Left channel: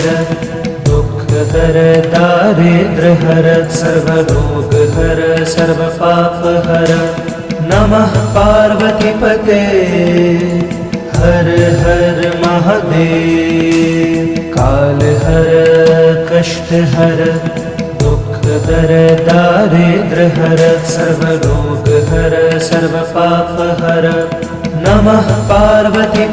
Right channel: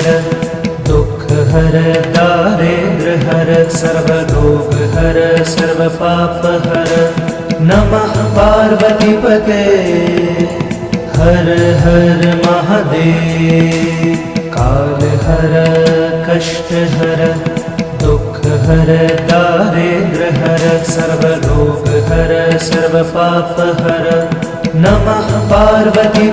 हर दुख हर दारिद्र हर सर्वरोग हर सर्व पाप हर। नमः पार्वती पते हर हर महादेव। काल हर कष्ट हर दुख हर दारिद्र हर सर्वरोग हर सर्व पाप हर। नमः पार्वती